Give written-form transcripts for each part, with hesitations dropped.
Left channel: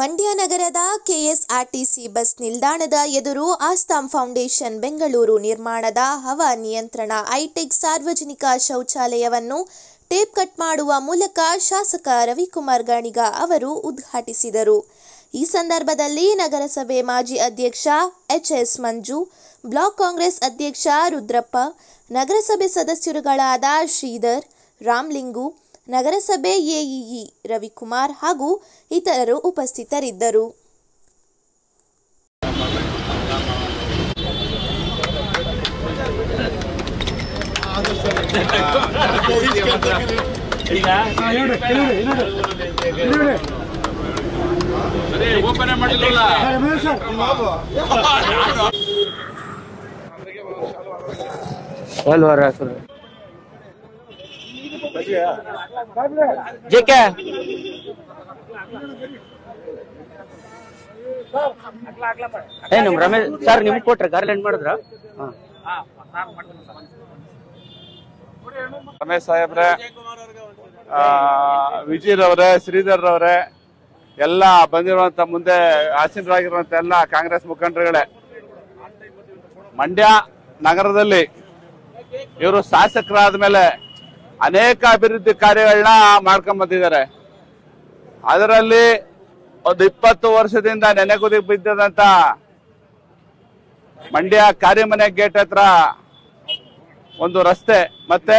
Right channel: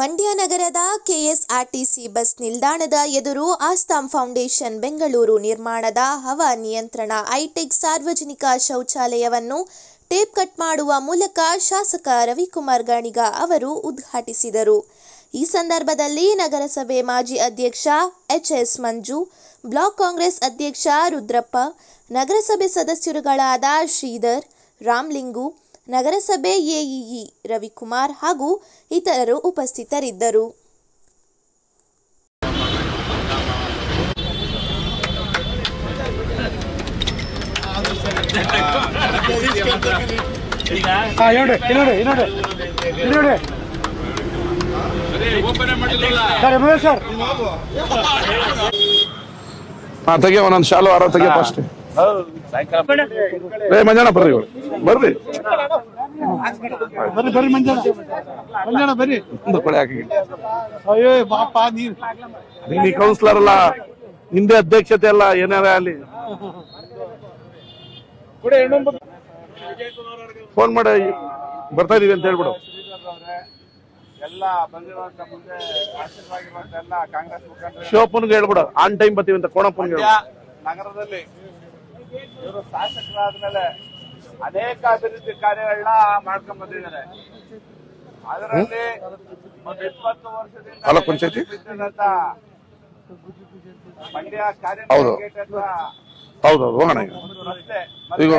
ಮಂಡ್ಯ ನಗರದ KSRTC bus ನಿಲ್ದಾಣದ ಎದುರು ಆಸ್ತಾಂ ಫೌಂಡೇಶನ್ ಬೆಂಗಳೂರು ನಿರ್ಮಾಣದ ಹವಾನಿಯಂತ್ರಣ ಹೈಟೆಕ್ ಸಾರ್ವಜನಿಕ ಶೌಚಾಲಯವನ್ನು ಟೇಪ್ ಕಟ್ ಮಾಡುವ ಮೂಲಕ ಶಾಸಕ ರವಿಕುಮಾರ್ ಗಾಣಿಗ ಅವರು ಉದ್ಘಾಟಿಸಿದರು. ಈ ಸಂದರ್ಭದಲ್ಲಿ ನಗರಸಭೆ ಮಾಜಿ ಅಧ್ಯಕ್ಷ ಎಚ್ಎಸ್ ಮಂಜು, ಬ್ಲಾಕ್ ಕಾಂಗ್ರೆಸ್ ಅಧ್ಯಕ್ಷ ರುದ್ರಪ್ಪ, ನಗರಸಭೆ ಸದಸ್ಯರುಗಳಾದ ಶ್ರೀಧರ್, ರಾಮಲಿಂಗು, ನಗರಸಭೆ ಎಇಇ ರವಿಕುಮಾರ್ ಹಾಗೂ ಇತರರು ಉಪಸ್ಥಿತರಿದ್ದರು. ತೆಗೆ ಒಂದೊಂದು ಶಾಲು ಆರ ತೆಗೆ ಫಸ್ಟ್ ಮಂಜಾಣ ಬರ್ರಿ ಬರ್ರಿ ಬರ್ರಿ ಮಂಜಾಣ ಬರ್ರಿ ಕೊಳೆ ಹಾಕಿ ಹಿಂದೆ ಅಧ್ಯಕ್ಷತೆ ಎಲ್ಲ ಏನಾರ ಅಲ್ಲಿ ರಮೇಶ್ ಸಾಹೇಬ್ರೆ ಫೋನ್ ಮಾಡಿ ಬರ್ತಾ ಇದೀರಿ, ಶ್ರೀಧರ್ ಅವರೇ, ಎಲ್ಲ ಬಂದಿರುವಂತ ಮುಂದೆ ಆಸೀನರಾಗಿರುವಂತ ಎಲ್ಲ ಕಾಂಗ್ರೆಸ್ ಮುಖಂಡರುಗಳು ಹೇಳ್ಬಿಡ ಆನ್ ಟೈಮ್ ಬರ್ತೀವಿ ಅಂತ ಕೋಣ. ಮಂಡ್ಯ ನಗರದಲ್ಲಿ ಇವರು ಶಾಸಕರಾದ ಮೇಲೆ ಅನೇಕ ಅಭಿವೃದ್ಧಿ ಕಾರ್ಯಗಳನ್ನ ಮಾಡ್ಕೊಂಡ್ ಬಂದಿದ್ದಾರೆ. ಅದರಲ್ಲಿ ಒಂದು 20 ವರ್ಷದಿಂದ ನೆನೆಗುದಿಗೆ ಬಿದ್ದಂತ ಮಂಡ್ಯ ಕಾರ್ಯಮನೆ ಗೇಟ್ ಹತ್ರ ಒಂದು ರಸ್ತೆ ಮತ್ತೆ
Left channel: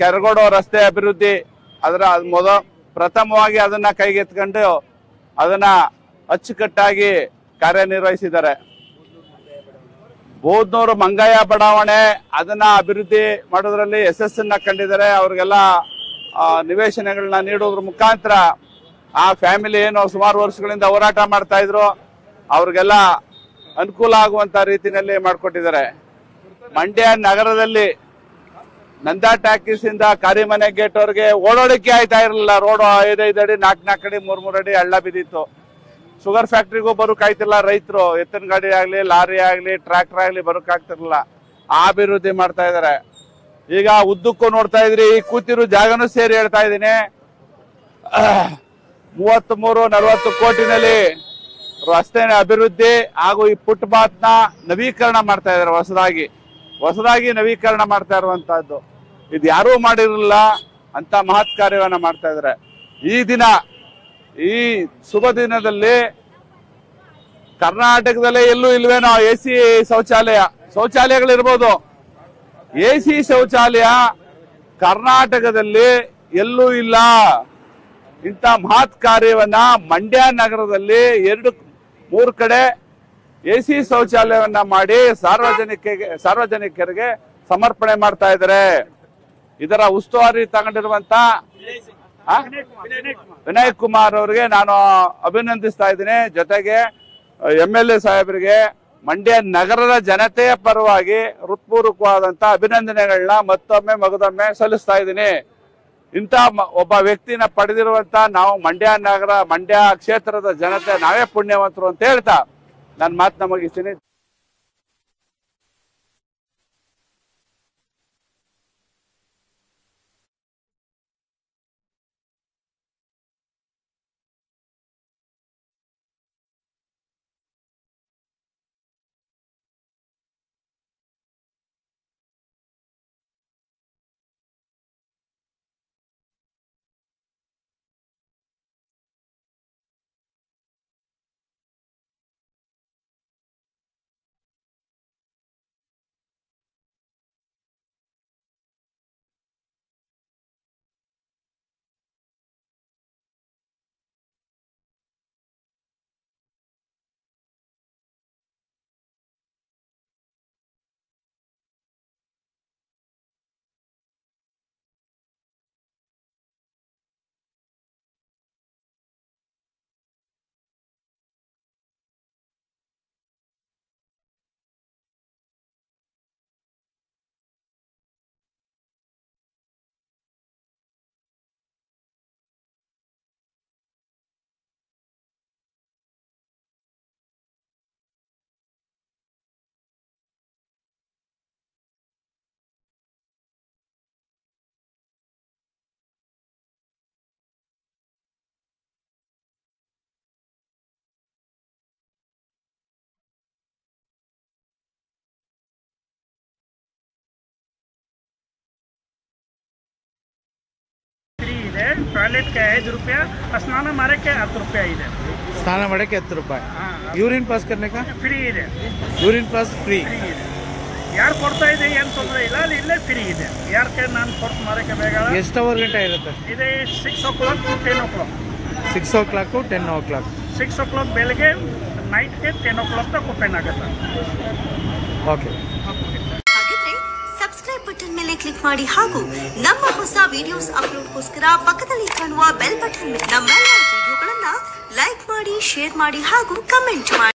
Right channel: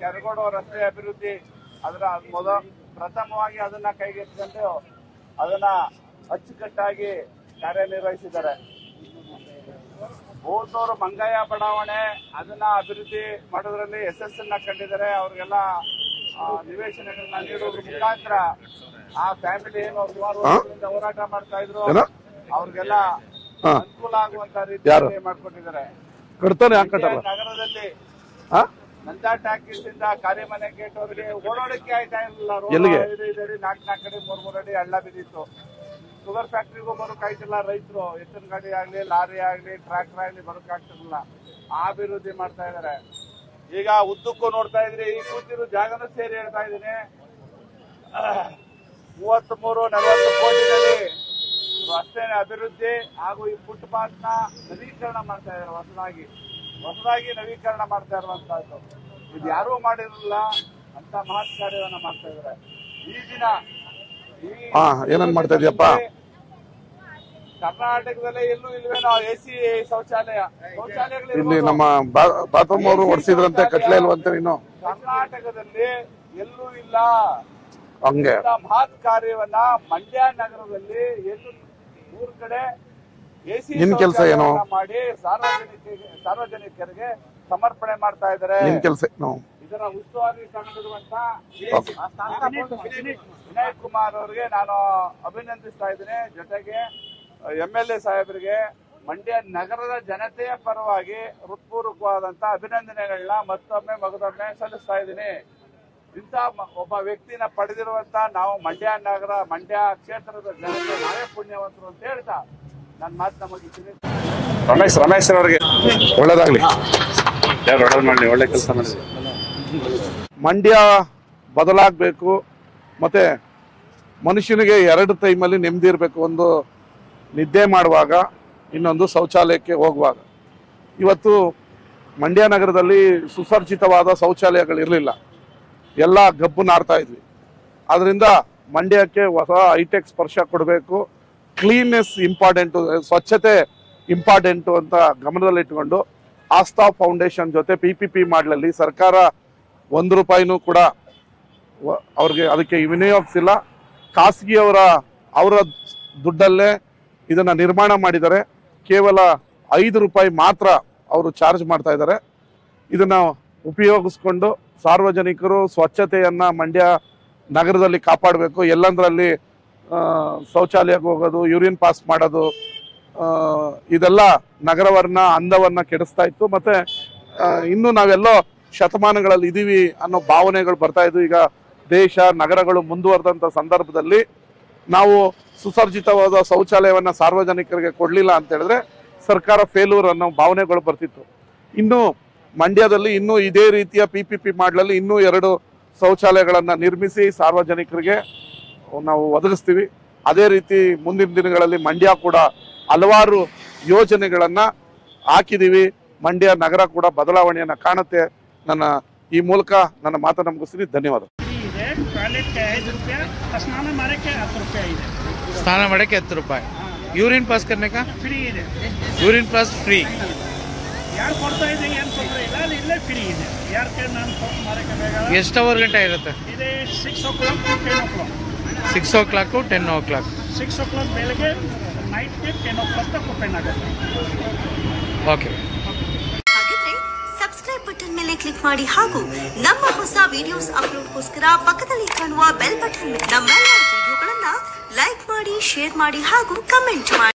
ಕೆರಗೋಡು ರಸ್ತೆ ಅಭಿವೃದ್ಧಿ, ಅದರ ಪ್ರಥಮವಾಗಿ ಅದನ್ನ ಕೈಗೆತ್ಕೊಂಡು ಅದನ್ನ ಅಚ್ಚುಕಟ್ಟಾಗಿ ಕಾರ್ಯನಿರ್ವಹಿಸಿದ್ದಾರೆ. ಬೋದ್ನೂರು ಮಂಗಯ್ಯ ಬಡಾವಣೆ ಅದನ್ನ ಅಭಿವೃದ್ಧಿ ಮಾಡೋದ್ರಲ್ಲಿ ಯಶಸ್ಸನ್ನ ಕಂಡಿದ್ದಾರೆ. ಅವ್ರಿಗೆಲ್ಲ ನಿವೇಶನಗಳನ್ನ ನೀಡೋದ್ರ ಮುಖಾಂತರ ಆ ಫ್ಯಾಮಿಲಿ ಏನು ಸುಮಾರು ವರ್ಷಗಳಿಂದ ಹೋರಾಟ ಮಾಡ್ತಾ ಇದ್ರು ಅವ್ರಿಗೆಲ್ಲ ಅನುಕೂಲ ಆಗುವಂತ ರೀತಿಯಲ್ಲಿ ಮಾಡ್ಕೊಟ್ಟಿದ್ದಾರೆ. ಮಂಡ್ಯ ನಗರದಲ್ಲಿ ನಂದಾ ಟಾಕೀಸ್ ಇಂದ ಕಾರಿಮನೆ ಗೇಟ್ ಅವ್ರಿಗೆ ಓಡಾಡಕ್ಕೆ ಆಯ್ತಾ ಇರಲಿಲ್ಲ. ರೋಡ್ 5 ಅಡಿ 4 ಅಡಿ 3 ಅಡಿ ಹಳ್ಳ ಬಿದ್ದಿತ್ತು. ಶುಗರ್ ಫ್ಯಾಕ್ಟ್ರಿಗೂ ಬರೋಕ್ ಆಯ್ತಿಲ್ಲ. ರೈತರು ಎತ್ತಿನ ಗಾಡಿ ಆಗ್ಲಿ, ಲಾರಿ ಆಗ್ಲಿ, ಟ್ರಾಕ್ಟರ್ ಆಗ್ಲಿ ಬರೋಕ್ ಆಗ್ತಿರ್ಲಿಲ್ಲ. ಆ ಅಭಿವೃದ್ಧಿ ಮಾಡ್ತಾ ಇದಾರೆ. ಈಗ ಉದ್ದಕ್ಕೂ ನೋಡ್ತಾ ಇದ್ರಿ, ಈ ಕೂತಿರೋ ಜಾಗನೂ ಸೇರಿ ಹೇಳ್ತಾ ಇದೀನಿ, 33-40 ಕೋಟಿನಲ್ಲಿ ರಸ್ತೆ ಅಭಿವೃದ್ಧಿ ಹಾಗೂ ಈ ಫುಟ್ಪಾತ್ ನ ನವೀಕರಣ ಮಾಡ್ತಾ ಇದಾರೆ. ಹೊಸದಾಗಿ ನವೀಕರಣ ಮಾಡ್ತಾ ಇರುವಂತಹದ್ದು ಇದು ಯಾರೂ ಮಾಡಿರಲಿಲ್ಲ ಅಂತ ಮಹತ್ ಕಾರ್ಯವನ್ನ ಮಾಡ್ತಾ ಇದಾರೆ. ಈ ದಿನ ಈ ಶುಭ ದಿನದಲ್ಲಿ ಕರ್ನಾಟಕದಲ್ಲೇ ಎಲ್ಲೂ ಇಲ್ವೇನೋ AC ಶೌಚಾಲಯಗಳಿರ್ಬೋದು, AC ಶೌಚಾಲಯ ಕರ್ನಾಟಕದಲ್ಲಿ ಎಲ್ಲೂ ಇಲ್ಲ. ಅಂತ ಮಹತ್ ಕಾರ್ಯವನ್ನ ಮಂಡ್ಯ ನಗರದಲ್ಲಿ 2-3 ಕಡೆ AC ಶೌಚಾಲಯವನ್ನ ಮಾಡಿ ಸಾರ್ವಜನಿಕರಿಗೆ ಸಮರ್ಪಣೆ ಮಾಡ್ತಾ ಇದ್ದಾರೆ. ಇದರ ಉಸ್ತುವಾರಿ ತಗೊಂಡಿರುವಂತ ವಿನಯ್ ಕುಮಾರ್ ಅವರಿಗೆ ನಾನು ಅಭಿನಂದಿಸ್ತಾ ಇದ್ದೀನಿ. ಜೊತೆಗೆ MLA ಸಾಹೇಬರಿಗೆ ಮಂಡ್ಯ ನಗರದ ಜನತೆಯ ಪರವಾಗಿ ಹೃತ್ಪೂರ್ವಕವಾದಂತ ಅಭಿನಂದನೆಗಳನ್ನ ಮಗದೊಮ್ಮೆ ಸಲ್ಲಿಸ್ತಾ ಇದ್ದೀನಿ. ಇಂಥ ಒಬ್ಬ ವ್ಯಕ್ತಿನ ಪಡೆದಿರುವಂತ ನಾವು ಮಂಡ್ಯ ಕ್ಷೇತ್ರದ ಜನತೆ ನಾವೇ ಪುಣ್ಯವಂತರು ಅಂತ ಹೇಳ್ತಾ ನನ್ನ ಮಾತನ್ನ ಮುಗಿಸ್ತೀನಿ. ರಮೇಶ್ ಅವರಿಗೆ ಒಳ್ಳೇದಾಗ್ಲಿ, ಒಳ್ಳೆ ಕೆಲಸ ಮಾಡಿ. ಮಂಡ್ಯ ಬದಲಾಗಬೇಕು, ಮತ್ತೆ ಮನುಷ್ಯನಿಗೆ 2 ಟೈಮಲ್ಲಿ ನೆಮ್ಮದಿ ಇರಬೇಕು. ಒಂದು ನಿದ್ದೆ ಮಾಡುವಾಗ, ಇನ್ನೊಂದು ಶೌಚಾಲಯಕ್ಕೆ ಹೋಗುವಾಗ. ಇವತ್ತು ಮಂಡ್ಯ ನಗರದಲ್ಲಿ ಸುಸರ್ಜಿತವಾದ ಶೌಚಾಲಯಗಳಿರಲಿಲ್ಲ, ಎಲ್ಲ ಗಬ್ಬು ನಾಡ್ತಾ ಇದ್ವಿ. ಅದರಿಂದ ಮಂಡ್ಯಕ್ಕೆ ಹೊಸ ಹೈಟೆಕ್ ಸ್ಪರ್ಶ ಕೊಡಬೇಕು. ಕ್ಲೀನ್ನೆಸ್ ಇಂಪಾರ್ಟೆಂಟು, ಸ್ವಚ್ಛತೆ ಇಂಪಾರ್ಟೆಂಟು ಅಂತ ಗಮನದಲ್ಲಿಟ್ಕೊಂಡು ಆಸ್ಥಾ ಫೌಂಡೇಶನ್ ಜೊತೆ PPP ಮಾಡಲಲ್ಲಿ ಸರ್ಕಾರ 1 ರೂಪಾಯಿನೂ ಕೂಡ ಅವ್ರಿಗೆ ಅದಕ್ಕೆ ವಿನಿಯೋಗಿಸಿಲ್ಲ. ಖಾಸಗಿಯವರ ದುಡ್ಡಲ್ಲೇ ಇದನ್ನು ನಿರ್ಮಾಣ ಮಾಡಿದ್ದಾರೆ. ಕೇವಲ 5 ರೂಪಾಯಿ ಮಾತ್ರ ಅವರು ಚಾರ್ಜ್ ಮಾಡ್ತಾ ಇದ್ದಾರೆ. ಇದನ್ನು ಉಪಯೋಗಿಸ್ಕೊಂಡು ಸಾರ್ವಜನಿಕರು ಸ್ವಚ್ಛತೆಯನ್ನು ಮಂಡ್ಯ ನಗರದಲ್ಲಿ ಕಾಪಾಡಬೇಕು. ಎಲ್ಲಂದ್ರಲ್ಲಿ ಶೌಚಾಲಯಕ್ಕೆ ಹೋಗೋದು, ಯೂರಿನ್ ಪಾಸ್ ಮಾಡೋದು, ಇದೆಲ್ಲ ನಗರವನ್ನ ಅಂದವನ್ನ ಕೆಡಿಸ್ತಾ ಇತ್ತು. ಮತ್ತೆ ಇನ್ನು ನಾವೆಲ್ಲೋ ಶತಮಾನಗಳಲ್ಲಿ ಇದೀವಿ ಅನ್ನೋ ಭಾವನೆಗಳು ಬರ್ತಾ ಇದ್ವು. ಈಗ ದೇಶ ನಗರಗಳು ಮುಂದುವರೆದಂಥ ಸಂದರ್ಭದಲ್ಲಿ ನಾವು ಸುಸರ್ಜಿತವಾದ ಶೌಚಾಲಯವನ್ನು ಸಾರ್ವಜನಿಕರಿಗೆ ಕೊಡಲಿಲ್ಲ ಅಂತ ಹೇಳಿದ್ರೆ ಸರ್ಕಾರ ಫೇಲ್ಯೂರ್ ಅನ್ನೋ ಭಾವನೆಗಳು ಬರ್ತಿತ್ತು. ಇನ್ನು ಮಂಡ್ಯದಲ್ಲಿ ಇನ್ನೂ ಇದೇ ರೀತಿಯ PPP ಮಾಡಲಲ್ಲಿ ಇನ್ನೂ 2 ಶೌಚಾಲಯಗಳನ್ನು ನಿರ್ಮಿಸಿ ಸಾರ್ವಜನಿಕರಿಗೆ ನಾವು ಒದಗಿಸ್ತೀವಿ. ಅದೇ ರೀತಿ ಮುಂದಿನ ದಿನಗಳಲ್ಲಿ ಮಂಡ್ಯ ಕೂಡ ಹಲವಾರು ಯೋಜನೆಗಳನ್ನ ಹಾಕಿದೀವಿ. ಮಂಡ್ಯ ನಗರ ಕೂಡ ಬದಲಾವಣೆಯನ್ನ ಕಾಣುತ್ತೆ. ನನ್ನ ಈ ಮೂಲಕ ನನ್ನ ಮಾತನ್ನು ಮುಗಿಸ್ತೀನಿ. ಧನ್ಯವಾದ. ಟಾಯ್ಲೆಟ್ಗೆ 5 ರೂಪಾಯಿ, ಸ್ನಾನ ಮಾಡೋಕ್ಕೆ 10 ರೂಪಾಯಿ ಇದೆ. ಸ್ನಾನ ಮಾಡೋಕ್ಕೆ 10 ರೂಪಾಯಿ. ಯೂರಿನ್ ಪಾಸ್ करने का ಫ್ರೀ ಇದೆ. Urine pass free. ಯಾರು ಕೊಡ್ತಾ ಇದೆ ಏನು ತೊಂದರೆ ಇಲ್ಲ, ಅಲ್ಲಿ ಇಲ್ಲೇ ಫ್ರೀ ಇದೆ. ಯಾರಿಗೆ ನಾನು ಕೊಟ್ಟು ಮಾಡೋಕ್ಕೆ ಬೇಗ. ಎಷ್ಟು ಅವರ್ ಗಂಟೆ ಇರುತ್ತೆ? ಇದೆ 6 o'clock to 10 o'clock. 6 o'clock 10 o'clock. 6 o'clock ಬೆಳಗ್ಗೆ, ನೈಟ್ಗೆ 10 o'clock ತನಕ ಓಪನ್ ಆಗುತ್ತೆ. ಓಕೆ. ಹಾಗಿದ್ರೆ ಸಬ್ಸ್ಕ್ರೈಬ್ ಬಟನ್ ಮೇಲೆ ಕ್ಲಿಕ್ ಮಾಡಿ ಹಾಗೂ ನಮ್ಮ ಹೊಸ ವಿಡಿಯೋಸ್ ಅಪ್ಲೋಡ್ಗೋಸ್ಕರ ಪಕ್ಕದಲ್ಲಿ ಕಾಣುವ ಬೆಲ್ ಬಟನ್ ನಮ್ಮೆಲ್ಲ ವಿಡಿಯೋಗಳನ್ನ ಲೈಕ್ ಮಾಡಿ, ಶೇರ್ ಮಾಡಿ ಹಾಗೂ ಕಮೆಂಟ್ ಮಾಡಿ.